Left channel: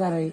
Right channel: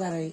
தாரை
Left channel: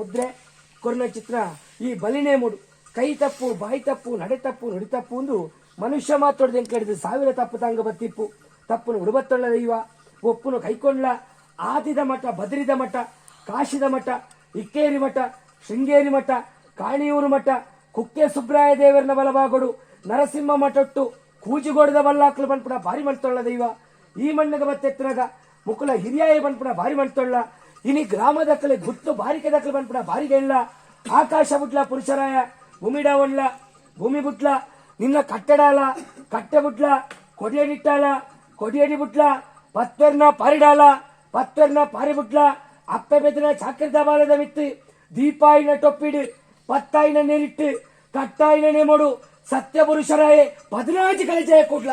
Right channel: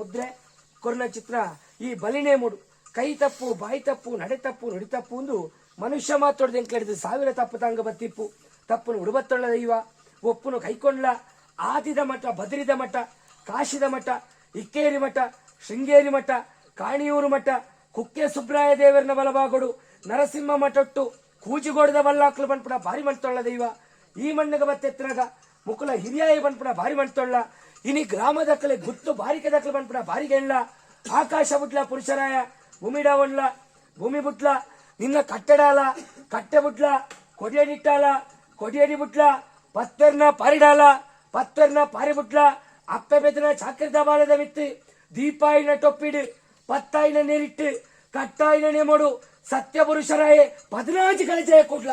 ಮುದ್ರೆ ಕೊರ್ನ ಚಿತ್ರ ಈ ಬಲಿನೇ ಮೂಡು ಕೈ ತಪ್ಪು ಬಾಯಿ ತಪ್ಪು ನಡೆ ತಪ್ಪು ನುಡಿ ತಪ್ಪು ಒಂದು ಮನುಷ್ಯ ಮಾತಾಡ್ದೆ ಕೇಳಿದ್ರೆ 1000 ತಪ್ಪು ತಂಗ ಬತ್ತಿಪ್ಪು ತಪ್ಪನು ಉಡುಬತ್ತೊಳ್ಳ ದೈವ ಒಪ್ಪುನು ಕೈಕೊಂಡ್ಲ ಆದಿದ ಮಠ ಬದರಿದ ಮಠ ಕಾಶಿದ ಮಠ ಇಕ್ಕೇರಿ ಮಠ ಶೃಂಗೇರಿ ಮಠ ಕಾಣಿಯೂರು ಮಠ ಕುಕ್ಕೆ ಸುಬ್ರಾಯ ದೇವರನ ಬಲಭಾಗಡು ನರಸಿಂಹ ಮಠಟ್ಟು ಕೂಜಿಗೋಡದ ಬಲ್ಲಾಕ್ಲು ಬನ್ಪುಡ ಭಾರಿ ಮಣ್ತೊಳ್ಳ ದೈವ ಈ ಮಣ್ಣಗ ಬತ್ತೆತ್ತನಾಗ ಮುಕುಲ ಹಿರಿಯಾಯ ಬನ್ಪುಡ ಭಾರಿ ಮಣ್ತೊಳ್ಳ ಇನಿ ಗ್ರಾಮದಕ್ಕಲೆ ಗುತ್ತು ಬಾರಿಕೆದಕ್ಕಲೆ ಬನ್ಪುಡ ಬಾರಿಗೆ ಎಳ್ಳ ಆಕಾಶ ಬುಟ್ಲ ಪುರುಷರಾಯ ಭೂಮಿಡ ಒಣ್ಲ ಭೂಮಿ ಬುಟ್ಲ ನಿನ್ನ ಕಟ್ಟಡಾಲ ಕಟ್ಟೆ ಬುಟ್ಲ ಕೊಡಿಯಡಿಟ್ಟಾಲ ಕೊಡಿಯಡಿ ಬುಟ್ಲ ಪತ್ತರ್ನ ಪಾರಿಡಾಲ ಪತ್ತರ್ನ ಪಾರಿ ಬುಟ್ಲ ಅಪ್ಪ ಬೆದನ ಚಾಕರಿದ ಬಾಲದ ವಿತ್ತು ದೀಪಾಯಿನ ಟೊಪ್ಪಿಡು ಪತ್ತಾಯಿನ ನೆರಿಟ್ಟು ಕಟ್ಟಾಯಿನ ನೇಮಡು ಸತ್ಯ ಪುರುಷರಾಯ 14 ಕಳಜಯ ಕೊಡ್ಲ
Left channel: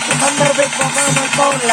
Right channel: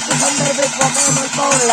ಎಷ್ಟು ಸಂದರ್ಭ ನೋಡ್ತಾವಲ್ಲ.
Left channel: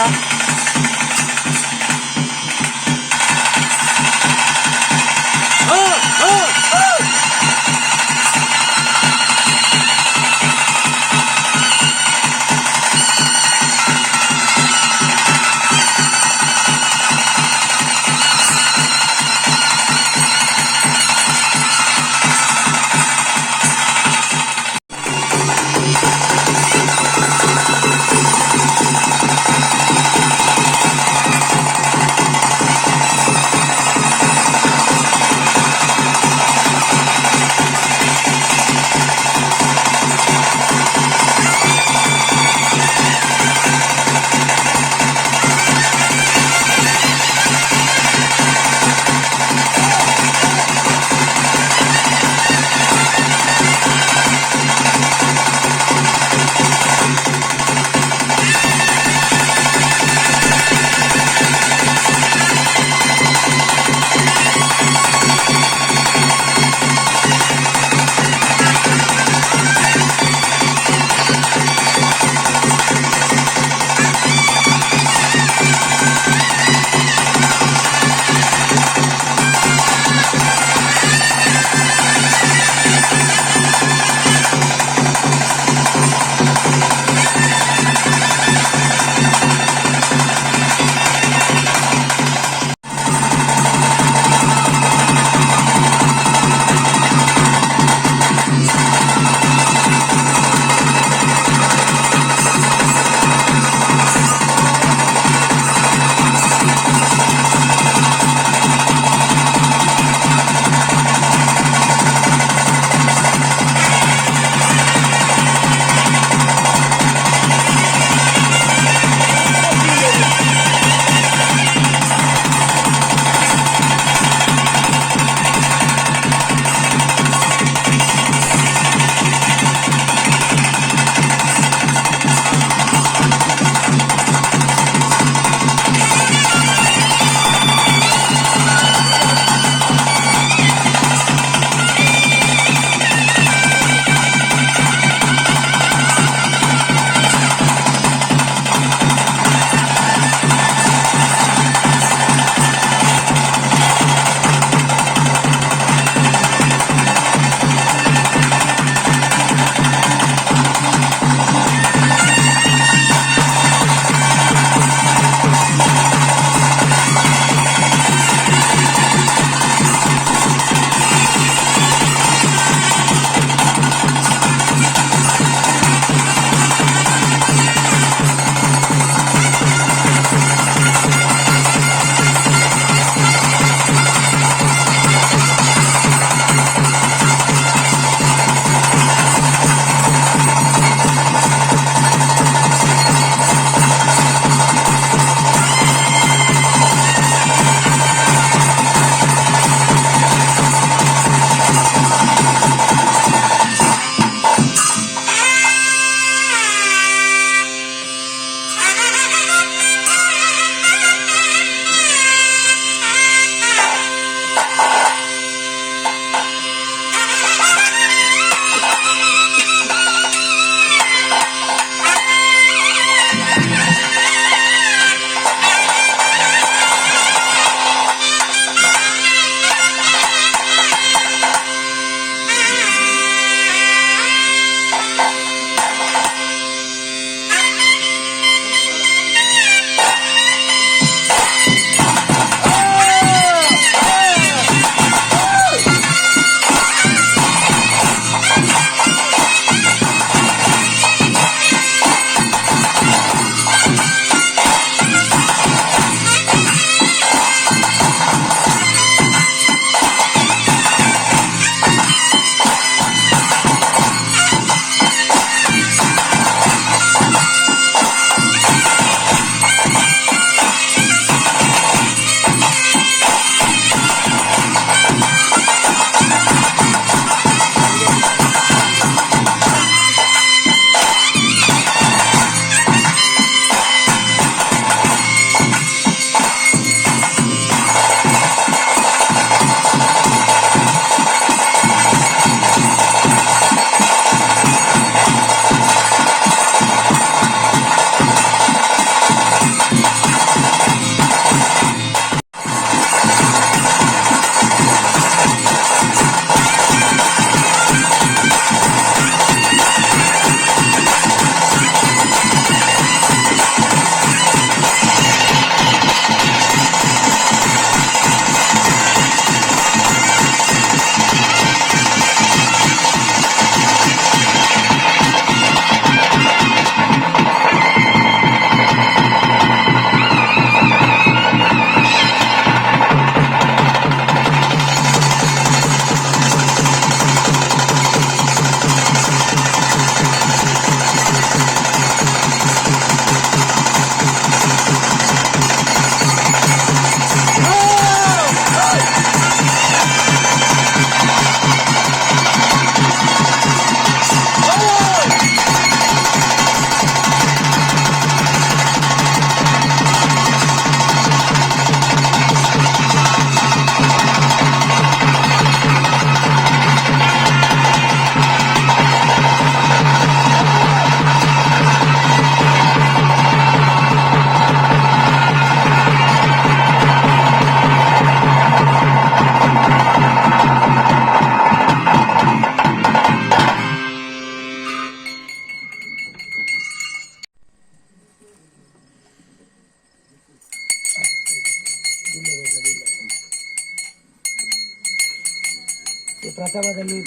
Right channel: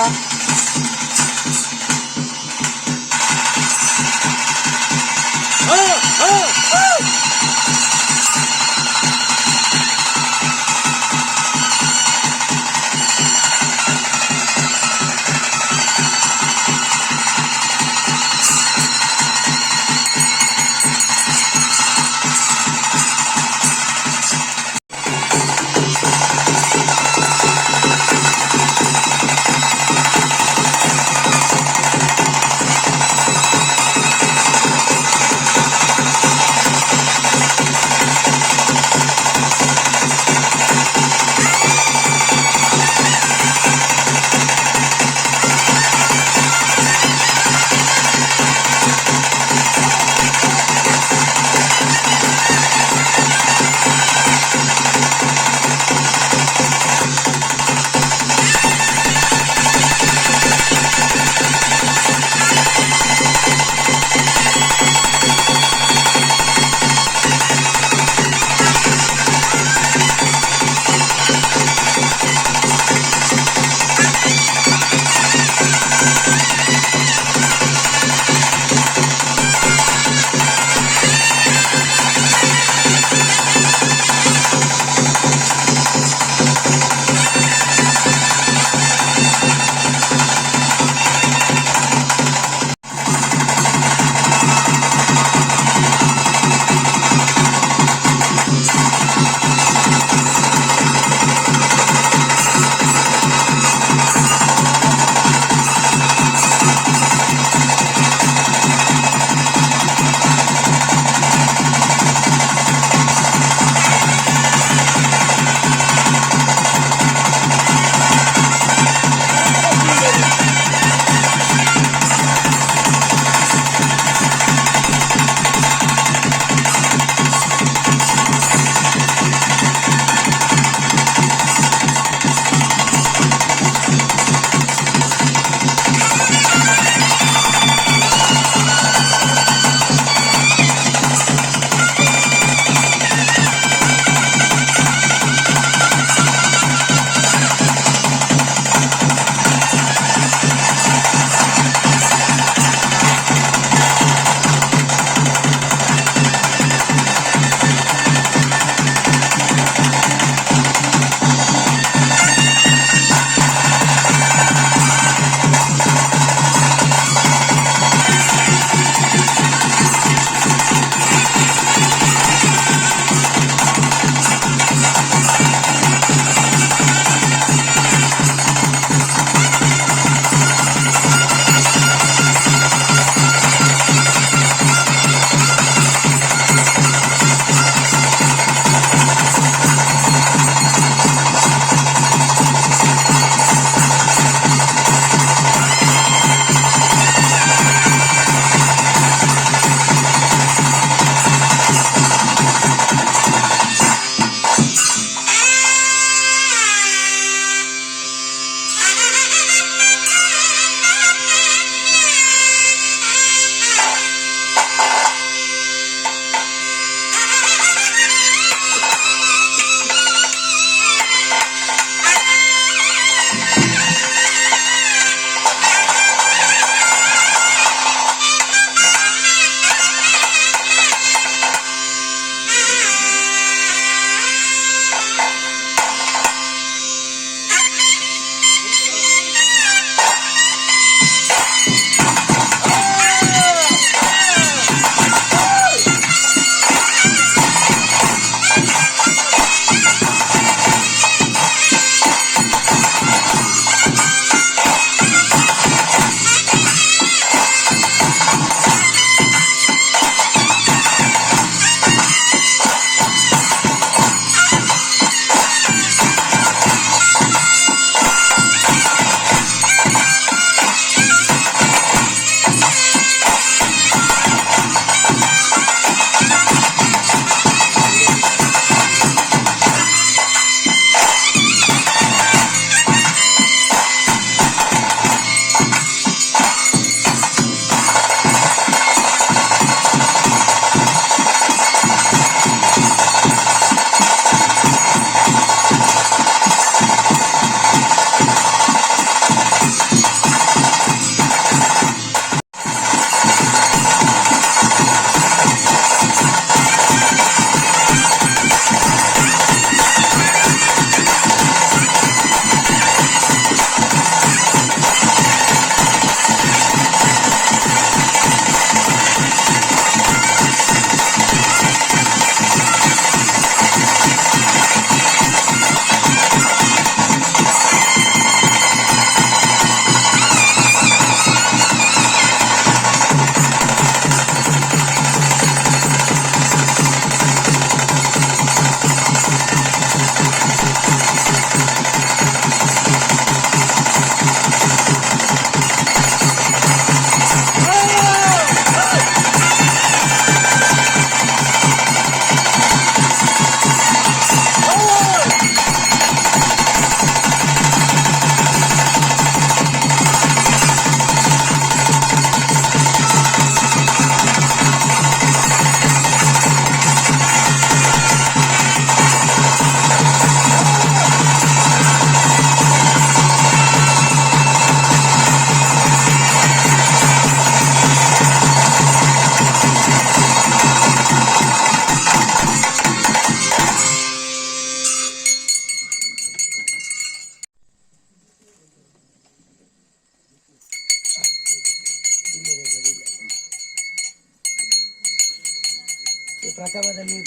ಪ್ರಥಮದಲ್ಲಿ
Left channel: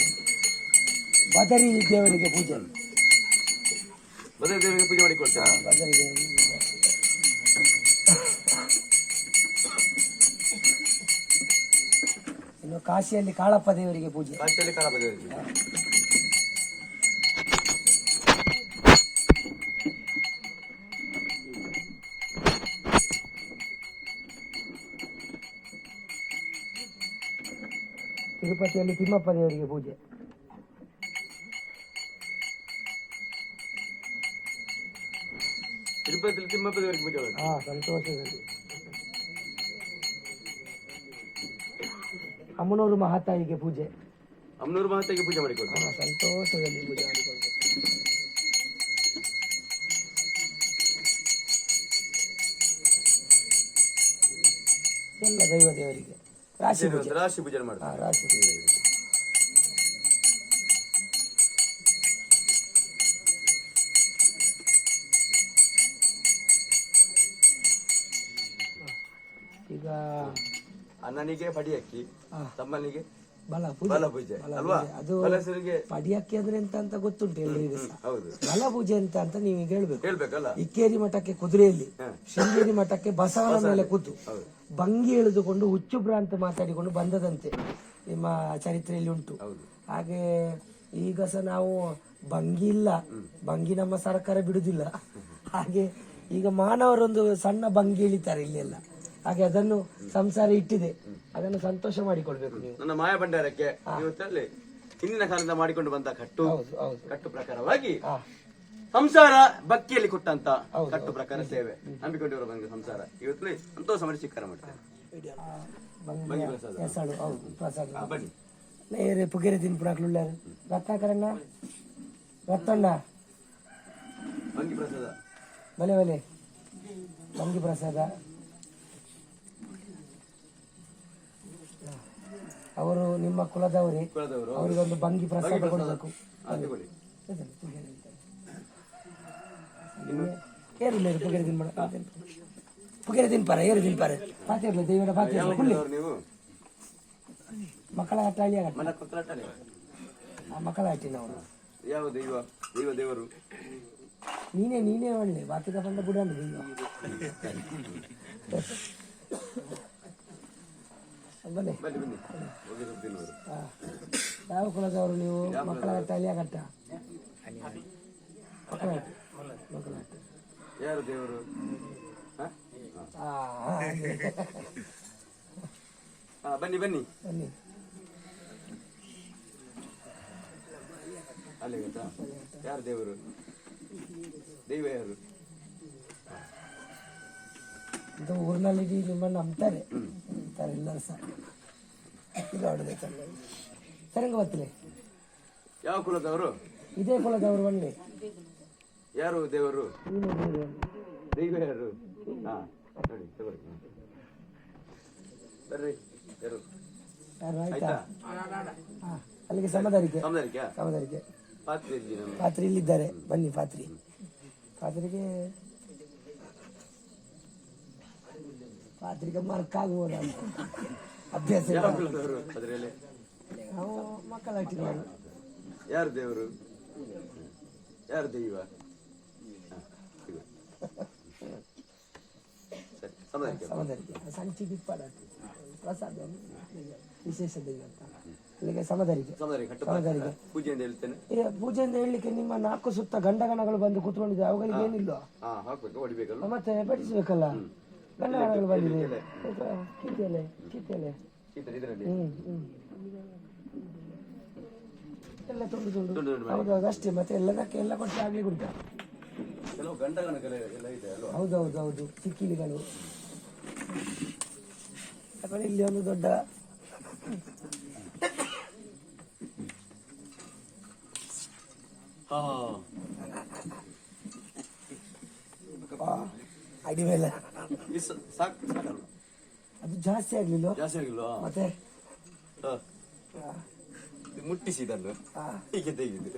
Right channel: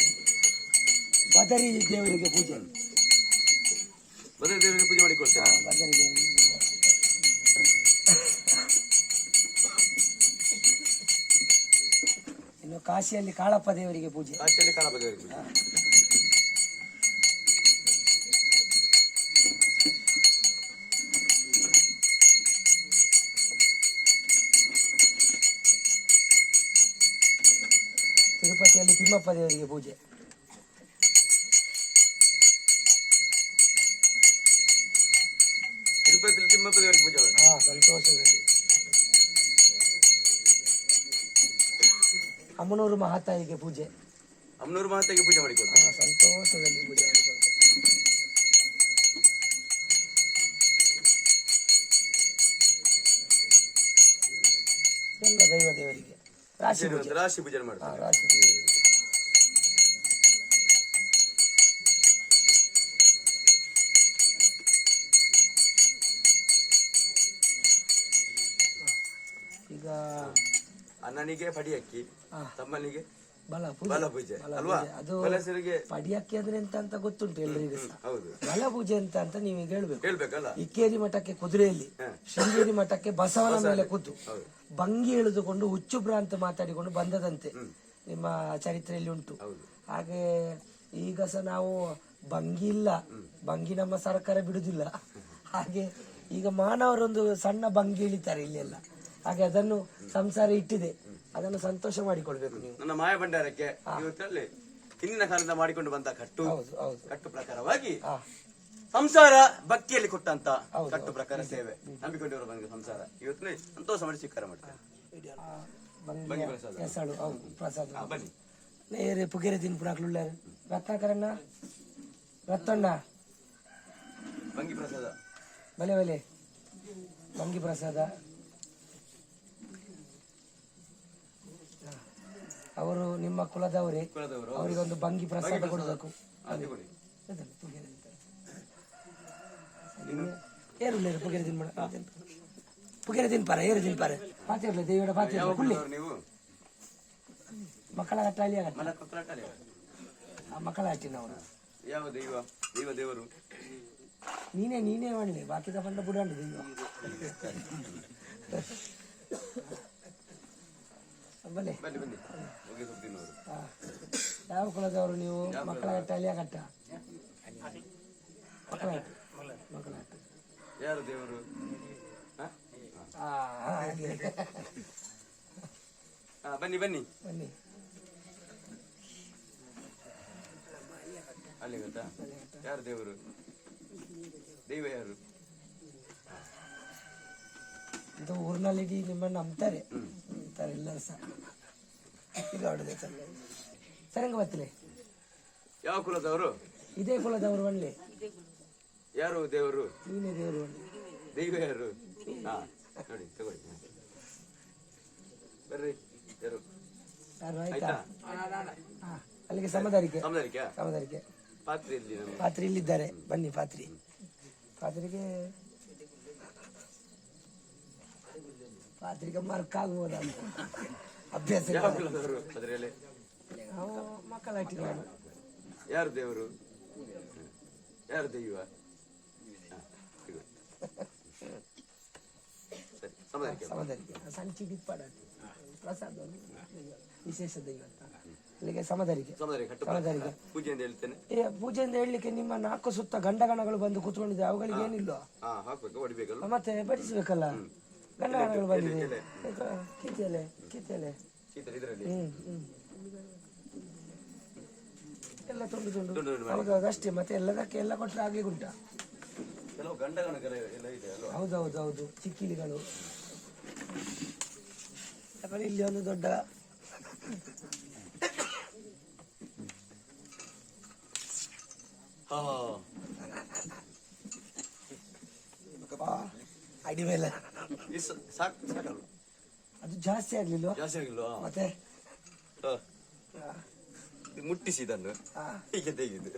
ಬದರಿ ದೇವರಿಗೆ ಪೂಜೆ. ಬದರಿ ದೇವರಿಗೆ ಪೂಜೆ ಮಾಡಿಕೊಳ್ತಾರೆ. ಬದರಿ ದೇವರಿಗೆ ಇನ್ನು ಕಾಶಿಯಲ್ಲಿ ಕಾಳಪ್ಪ ದೇವರಿಗೆ ಪೂಜೆ. ಕಾಶಿಯಲ್ಲಿ ಕಾಳಪ್ಪ ದೇವರಿಗೆ ಪೂಜೆ. ತಿರುಪತಿಯಲ್ಲಿ ತಿಮ್ಮಪ್ಪ ದೇವರಿಗೆ ಪೂಜೆ. ತಿರುಪತಿಯಲ್ಲಿ ತಿಮ್ಮಪ್ಪ ದೇವರಿಗೆ ಪೂಜೆ. ಸಂತೋಷದಲ್ಲಿ. ಅಮ್ಮನೂರು ಮಹಾತಾಯಿಗೆ ಪೂಜೆ. ಅಮ್ಮನೂರು ಮಹಾತಾಯಿಗೆ ಪೂಜೆ ಮಾಡಿಕೊಳ್ತಾರೆ. ಸಂತೋಷದಲ್ಲಿ ಪೂಜೆ ಮಾಡಿಕೊಳ್ತಾರೆ. ಎಲ್ಲ ದೈವ ದೇವರಿಗೆ ರಾಶಿ ಪೂಜೆ. ರಾಶಿ ಪೂಜೆ ಮಾಡ್ತಾರೆ. ರಾಶಿ ಪೂಜೆ. ಈಗ ಅಣ್ಣನಿಗೆ ಪಡಿಯಕ್ಕಿ, ತಮ್ಮನಿಗೆ ಬಲ ಪೂಜೆ ಅಲ್ವಾ? ಅದು ಪಡಿಯಕ್ಕಿ ಅಂದ್ರೆ ಎಂತ ಅಂತ ಗೊತ್ತುಂಟು ಎಲ್ರಿಗೂ ಸಹ. ಬಲ ಪೂಜೆ ಅಂತ ನೀವೀಗ ಹೇಳ್ಬೇಕಲ್ಲ. ಇಕ್ಕೇರಿ ಮಠಕ್ಕೆ ಕುದುರೆಯಲ್ಲಿ, ಶೃಂಗೇರಿ ಮಠಕ್ಕೆ ಬಸವನ ಮೇಲೆ ಕೂತು ಭಂಗಿ ಎಳೆದುಕೊಂಡು ಹುಚ್ಚು ಭ್ರಾಂತ ಮಾತಾಡಿಕೊಂಡು ಬಂದದಂತೆ ನಿಮ್ಮ ಚರಿತ್ರೆಯಲ್ಲಿ ಉಂಟು. ಹಾಗೆ ಈಗ ಸಹ ನಾವು ಭಂಗಿ ಇಲ್ಲ, ಭಂಗಿ ನಮ್ಮ ಸರ್ಕಾರ ಬಿಡುದಿಲ್ಲ. ಹಾಗೆ ಈಗ ಮಾನವರೊಂದು ಸಣ್ಣ ಭಂಗಿ ಇಳಿತಾರೆ ಇಲ್ಲೆಲ್ಲ. ಹಾಗೆ ಅದನ್ನು ಸಂಸಾರ ಇಟ್ಟಿದೆ, ಅದನ್ನು ಸಂತೋಷ ಮಾಡಿಕೊಳ್ಬೇಕು ನೀವು. ನನ್ನ ಮಾಯ ಭಂಡಾರಕ್ಕೆ ಹಿಂದಿನ ಕಾಲದಿಂದ ಮಾಡಿಕೊಂಡು ಬಂದ ಕಟ್ಟು ಪ್ರಕಾರವಾಗಿ ಸಂಸಾರ ಭಕ್ತಿಯಲ್ಲಿ ಕೊಟ್ಟಂತ ಕಟ್ಟು ಪ್ರಕಾರ ಸೇವೆ ನಂಬಿಕೊಂಡಿರುವ ಬಂದ ಸಂಸಾರ ಇವತ್ತು ಸಂತೋಷ ಮಾಡಿ ಸ್ವೀಕಾರ ಮಾಡ್ತಾರೆ. ಬನ್ನಿ ನೇರೆ ಪುಗೇರೆ ತಿನ್ಪುರಾಕ್ಲು ರತ್ನಾಕರಣ್ಣ ರತ್ತಣ್ಣ ಭಂಗಿ ಪ್ರಸಾದ ಬಲೆ ಬಲೆ ಭಂಗಿ ಪ್ರಸಾದ. ಅವರು ನಿಮ್ಮ ಕುಲದವರೇ, ಅವರಿಗೆ ಒಂದು ಭಂಗಿ ಪ್ರಸಾದ ಕೊಡಬೇಕು. ಪುಗೇರೆ ತಿನ್ಪಾರ ಏರು ತಿನ್ಪಾರೆ ಪಾತಿರ್ಲಿ ದೇವರ ಪಾತಿರ್ಲಿ ಕುಳ್ಳಿ ಮಕ್ಕಳ ಹಟ್ಟ ಅಳಿಯ ಮಕ್ಕಳ ಹಟ್ಟಿನವರು ಯಾವ ದೈವ ದೈವ ದೇವರು ನೀನೇ ಮಾಡಲಿ ಬಾಕಿ ತಗೊಂಡ ಬಿಡೋಣ ದೈವ. ಬನ್ನಿ ಯಾವ ಕುಲದವರು ನೀವು? ಮಕ್ಕಳ ಹಟ್ಟ ಅಳಿಯ ಕಟ್ಟ ಮಕ್ಕಳ ಹಟ್ಟ ಯಾರು ದೇವರು? ಬನ್ನಿ ಬನ್ನಿ ಬನ್ನಿ ಅಲ್ಲಿ ಗೊತ್ತಾ ಯಾರು ದೇವರು? ದೈವ ಯಾರು? ಅಂತ ಊರಿನಲ್ಲಿ ನಿಮ್ಮನ್ನು ನಂಬ್ತಾರೆ ಎಲ್ಲರೂ ಸಹ. ಈಗ ಹೊಡೆದೆ ಸರಂಗ ಬತ್ತಲೆ ಯಾವ ಕುಲದವರು? ಇದೇ ಕುಲದವರು ಬನ್ನಿ. ಯಾರು ದೇವರು? ನೀನೇ ದೇವರು. ದೈವ ಯಾರು? ನೋಡಿ ತಗೊಳ್ಳಿ ಬರ್ರಿ. ಯಾರು ಆಯ್ತಾ? ಅಲ್ಲಿಗೆ ಸಮದಾರಿಕೆ ಪಾತ್ರಿ ಇಲ್ಲಿದ್ದಾರೆ. ಬನ್ನಿ ಪಾತ್ರಿಗೆ ಮಾರ್ಕ್ ಆಗ್ಬೋದ ಅಭ್ಯಾಸ. ನಾವು ಮಕ್ಕಳ ಹಟ್ಟಿದವರು. ಯಾರು ದೇವರು? ಯಾರು ದೈವ? ಸಮದಾರಿಕೆ ಸಂಚಿ ದಿಪ್ಪಾಡ ಪ್ರಸಾದ ವಿಶೇಷ ದೈವ ಅಂತ ಅಲ್ಲಿಗೆ ಸಮದಾರಿಕೆ. ಪೂಜೆಯಿಂದ ಹೇಳಲಿಕ್ಕೆ ನಿಮ್ಮ 4 ಸುತ್ತ ಗಂಡಗಣಗಳು ಬಂದು ಕೂತ್ಕೊಂಡಿದೆ. ಅವುಗಳಿಗೆ ಏನಿಲ್ಲ, ಮತ್ತೆ ಬಡಿಸ್ಬೇಕಲ್ಲ. ಗಂಡಗಣಗಳು ಬಂದಿದೆ. ಕಿತ್ತಲೆ ಎಲ್ಲ ತುಂಡು ಹೌದೌದು ಅಷ್ಟೇ. ಮತ್ತೆ ಎಲ್ಲದಕ್ಕೆ ಎಲ್ಲ ಕೊಟ್ಟರೆ ಆಗ್ಲಿಕ್ಕೆ ಉಂಟ. ಹೌದು ಚಿಕ್ಕಿಲಿಗಳು. ಇಲ್ಲಿ ಒಂದು ದೊಡ್ಡ ಅಡಿ ಮೇಲೆ ಅದು ಜಾಸ್ತಿ ಆಗ್ಲಿಲ್ಲ ಮತ್ತೆ ಮುಟ್ಟಿಸಿದನ್ನು ಹೀಗೆ ತೆಗೆದು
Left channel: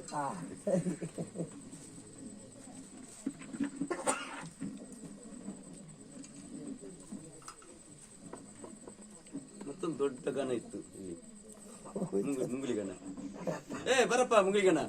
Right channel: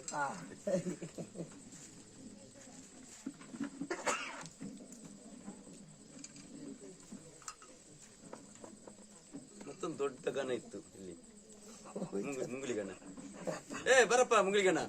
ಮತ್ತೊಂದು ದೊಡ್ಡ ಗಣ ಇತ್ತು ಇಲ್ಲಿ. ಮುಂಗುಲಿಗಣ್ಣ ಏ ಬರಪ್ಪ ಮುಂಗುಲಿಗಣ್ಣ.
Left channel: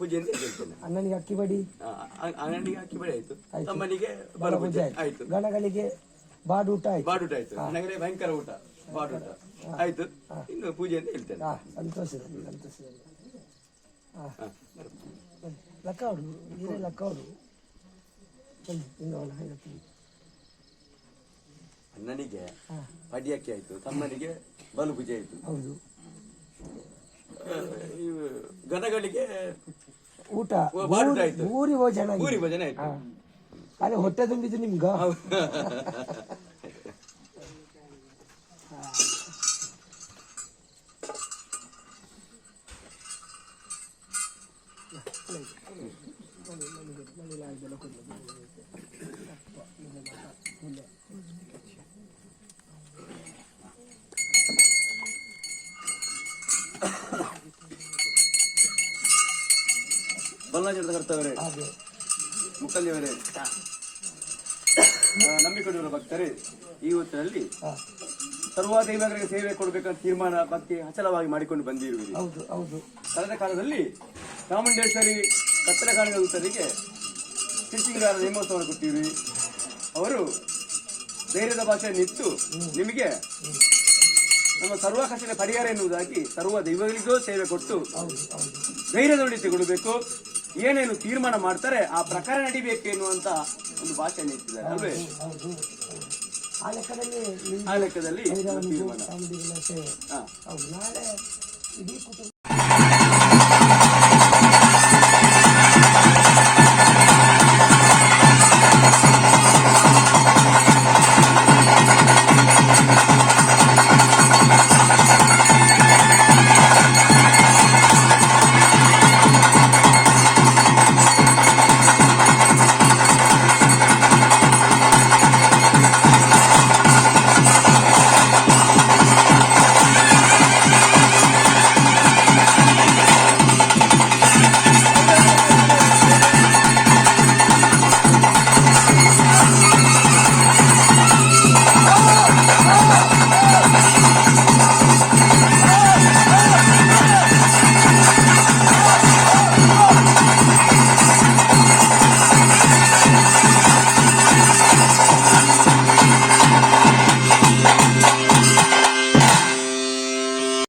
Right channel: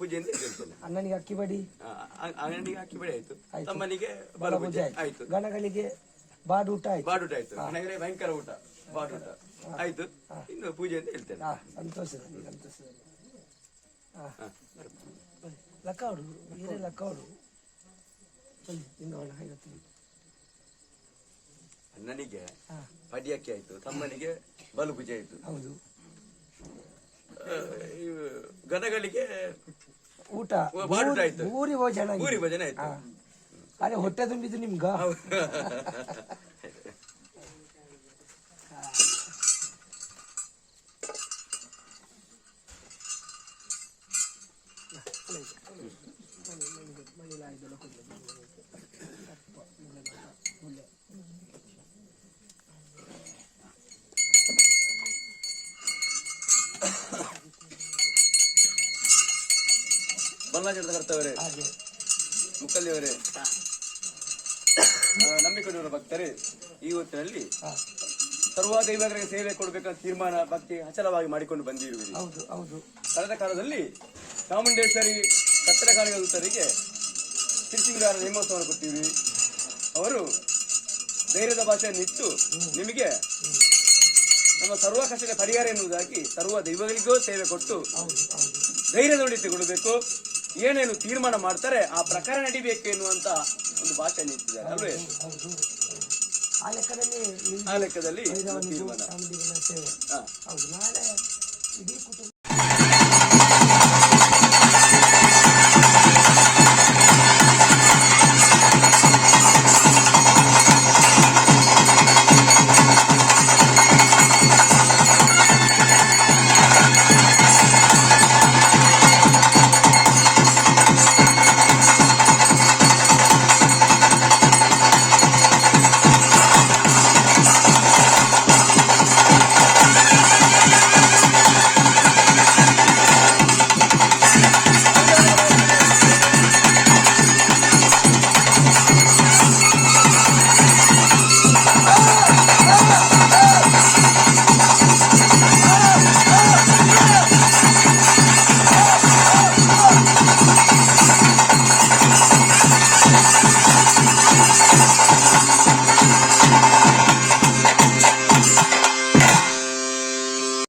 ಪೂಜೆ ಅಂತ ಹೇಳ್ತೇನೆ. ಅಣ್ಣನಿಗೆ ಅಕ್ಕಿ ಬಡಿ, ಅಂಗಡಿಗೆ ಅಕ್ಕಿ ಬಡಿ ಆಯ್ತು, ತಮ್ಮನಿಗೆ ಬಲ ಪೂಜೆ ಆಯ್ತು, ಗಣಗಳಿಗೆ ಬಾಡೂಟ ಆಯ್ತು, ಬಾಡೂಟ ಆಯ್ತು, ನನಗೆ ಭಯಂಕರ ಊಟ ಬಾಡೂಟ ಆಯ್ತು. ಇನ್ನು ಪೂಜೆ ಅಂತ ಹೇಳ್ತೇನೆ. ಸಂತೋಷದಲ್ಲಿ ಸಂತೋಷದಲ್ಲಿ ಲಕ್ಕವಡು ಹಿರೇ ಲಕ್ಕವಡು ಅಣ್ಣನಿಗೆ ಪಡಿಯಕ್ಕೆ ಆಯ್ತು, ತಮ್ಮನಿಗೆ ಬಲು ಪೂಜೆ ಆಯ್ತು. ಹೌದು. ಗಣಗಳಿಗೆ ಊಟ ಬಾಡೂಟ ಆಯ್ತು, ಊರಿ ಭೋಜನ ಊರಿ ಭೋಜನ ಆಯ್ತು. ಅದೇ ಹೊಟ್ಟೆ ತುಂಬಿದ್ದು ನಿಮ್ಗ. ಬಲ್ಲಾಜದ ಕರ್ತವರೇ, ಮುಕ್ಕಲ್ಲಿಯವರೇ, ನಂಬಿಕೊಂಡಿರುವ ಭಕ್ತರೇ, ಈ ಹೊತ್ತಿನಲ್ಲಿ ಸರ್ವ ದೈವಗಳಿಗೆ ಸೇವೆ ಕೊಡಬೇಕಂತ ತೀರ್ಮಾನ ಭಕ್ತಿ ಅಚಲವಾಗಿ ಮಾಡಿಕೊಂಡು ಬಂದಿರುವಿರಿ. ಕಳೆದ ಕಾಲದಲ್ಲಿ ಚಾಮುಂಡೇಶ್ವರಿ ಕತ್ತಲ ಕಾಣಿಕೆ ಸಿರಿಸಿಂಗಾರ ನೇಮೋತ್ಸವವನ್ನು ಕೊಟ್ಟಿವಿ. ಅವರು ಧೈರ್ಯದ ಭಾಷೆಯನ್ನಿತ್ತು ನಿಮಗೆ ನಮ್ಮ ಸರ್ವ ಕಷ್ಟಕ್ಕೆ ಪರಿಹಾರ ಎನ್ನುವುದಾಗಿ ಸರ್ವ ದೈವಗಳಿಗೂ ಸೇವೆ ಕೊಟ್ಟು ಧೈರ್ಯದೊಂದಿ ಕೊಡಬೇಕು, ಏನೇನು ತೀರ್ಮಾನ ಮಾಡ್ತಾರೆ ಆ ಪ್ರಕಾರ ನಡಿಬೇಕು ಎನ್ನುವಂತ ಒಂದು ಭಾಷೆಯನ್ನು ಇಟ್ಟಿದ್ದಾರೆ ಅಲ್ವೇ? ಆ ಲೆಕ್ಕದಲ್ಲಿ ಆ ಲೆಕ್ಕದಲ್ಲಿ ನಾಳೆ ಇಡೀ ಕುಟುಂಬ